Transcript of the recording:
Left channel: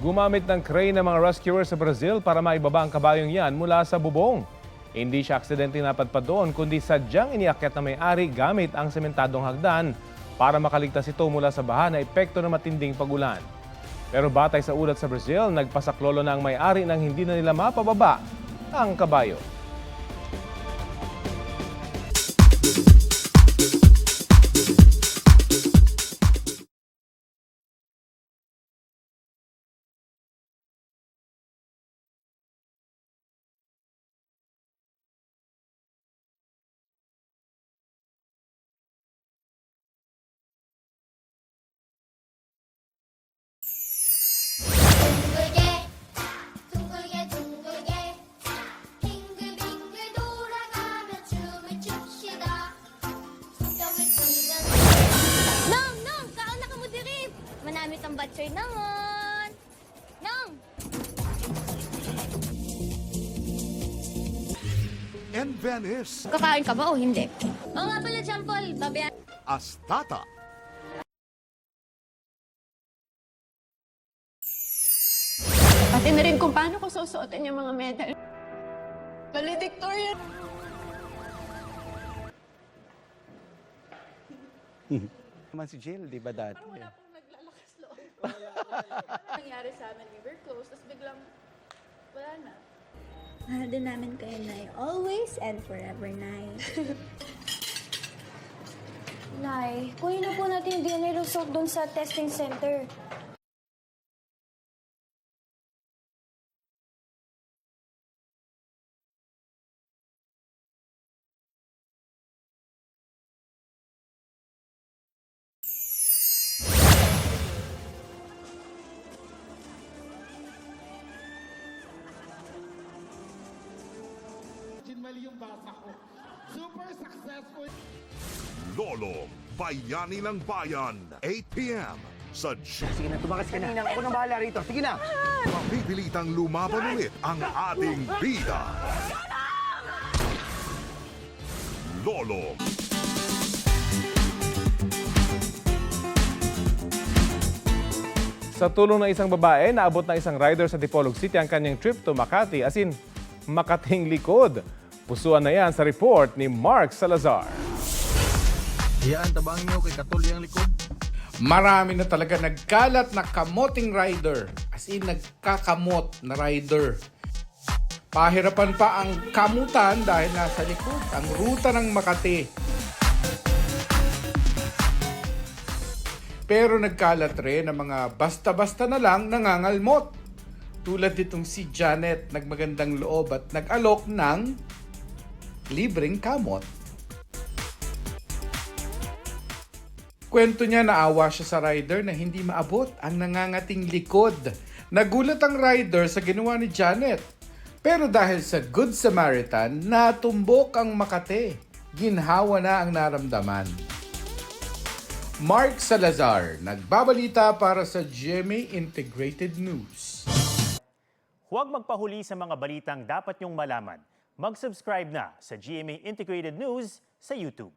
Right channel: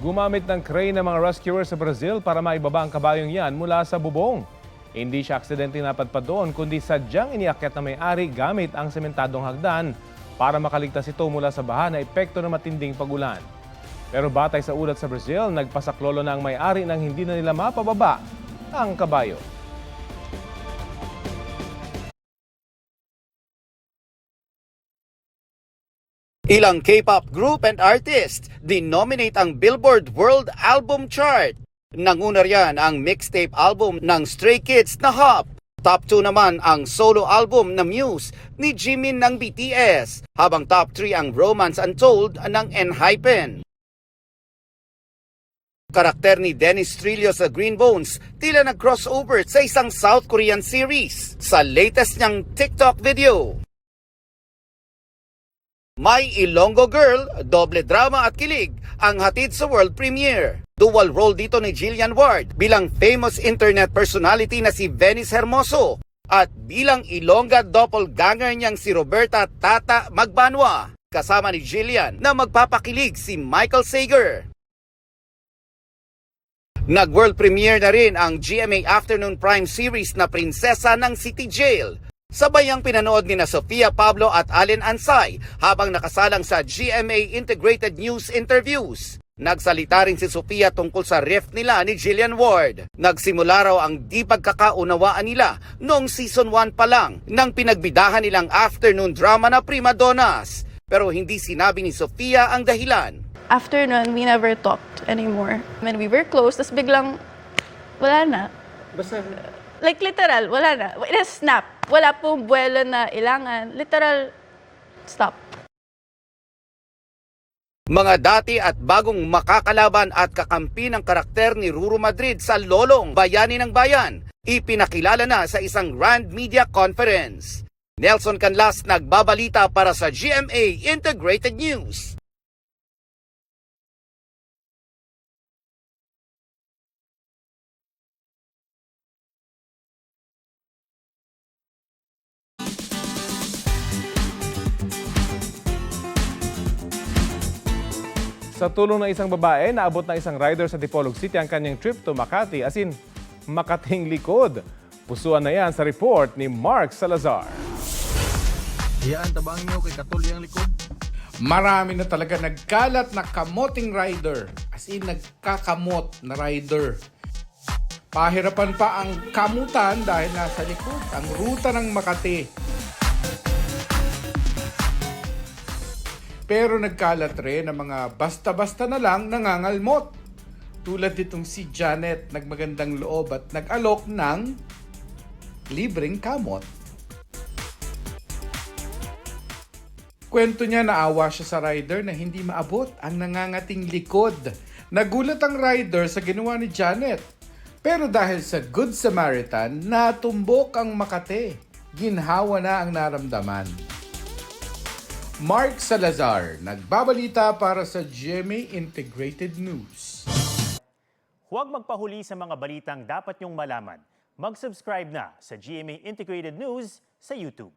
Gumamit ng crane ng mga rescuers sa Brazil para maibaba ang kabayong yan mula sa bubong. Hindi siya aksidente napadpad doon, kundi sadyang iniakyat na may-ari gamit ang sementadong hagdan para makaligtas ito mula sa baha na epekto ng matinding pagulan. Pero batay sa ulat sa Brazil, nagpasaklolo na ang may-ari nang hindi na nila mapababa ang kabayo. Ilang K-pop group and artist dinominate ang Billboard World Album Chart. Nanguna riyan ang mixtape album ng Stray Kids na Hop. Top 2 naman ang solo album na Muse ni Jimin ng BTS, habang top 3 ang Romance Untold ng ENHYPEN. Karakter ni Dennis Trillo sa Green Bones tila nag-crossover sa isang South Korean series sa latest niyang TikTok video. May Ilonggo Girl, doble drama at kilig ang hatid sa world premiere. Dual role dito ni Jillian Ward bilang famous internet personality na si Venice Hermoso at ilang Ilongga doppelganger niyang si Roberta Tata Magbanwa. Kasama ni Jillian na magpapakilig si Michael Sager. Nag-world premiere na rin ang GMA Afternoon Prime series na Prinsesa ng City Jail. Sabay ang pinanood ni na Sofia Pablo at Allen Ansay habang nakasalang sa GMA Integrated News interviews. Nagsalita rin si Sofia tungkol sa rift nila ni Jillian Ward. Nagsimula raw ang di pagkakaunawaan nila noong season 1 pa lang nang pinagbidahan nilang afternoon drama na Prima Donnas. Pero hindi sinabi ni Sofia ang dahilan. After nun, we never talked anymore. When we were close, tas biglang, wala na. Basta, Like literal, wala na. In a snap. Wala pong buwelo na ilangan. Literal, stop. Mga dati at bagong makakalaban at kakampi ng karakter ni Ruru Madrid sa Lolong, Bayani ng Bayan, ipinakilala na sa isang Rand Media Conference. Nelson Canlas nagbabalita para sa GMA Integrated News. sige na, tumakas ka na. Ako nang bahala rito. Sige na. Mapipilitang lumaban ulit ang ating bida. Lolo. Sa tulong ng isang babae, naabot na isang rider sa Dipolog City ang kanyang trip to Makati, as in Makating likod. Pusuan na yan sa report ni Mark Salazar. Yan, tabang nyo kay Katuli ang likod. Marami na talaga nagkalat na kamoting rider. As in, nagkakamot na rider. Pahirapan pa ang kamutan dahil nasa likod ang ruta ng Makati. Pero nagkalat rin ang mga basta-basta na lang nangangalmot. Tulad nitong si Janet, nagmagandang loob at nag-alok ng libreng kamot. Kwento niya, naawa siya sa rider na hindi maabot ang nangangating likod. Nagulat ang rider sa ginawa ni Janet. Pero dahil sa Good Samaritan, natumbok ang Makati. Ginhawa na ang naramdaman. Mark Salazar, nagbabalita para sa GMA Integrated News. Huwag magpahuli sa mga balitang dapat niyong malaman. Mag-subscribe na sa GMA Integrated News sa YouTube.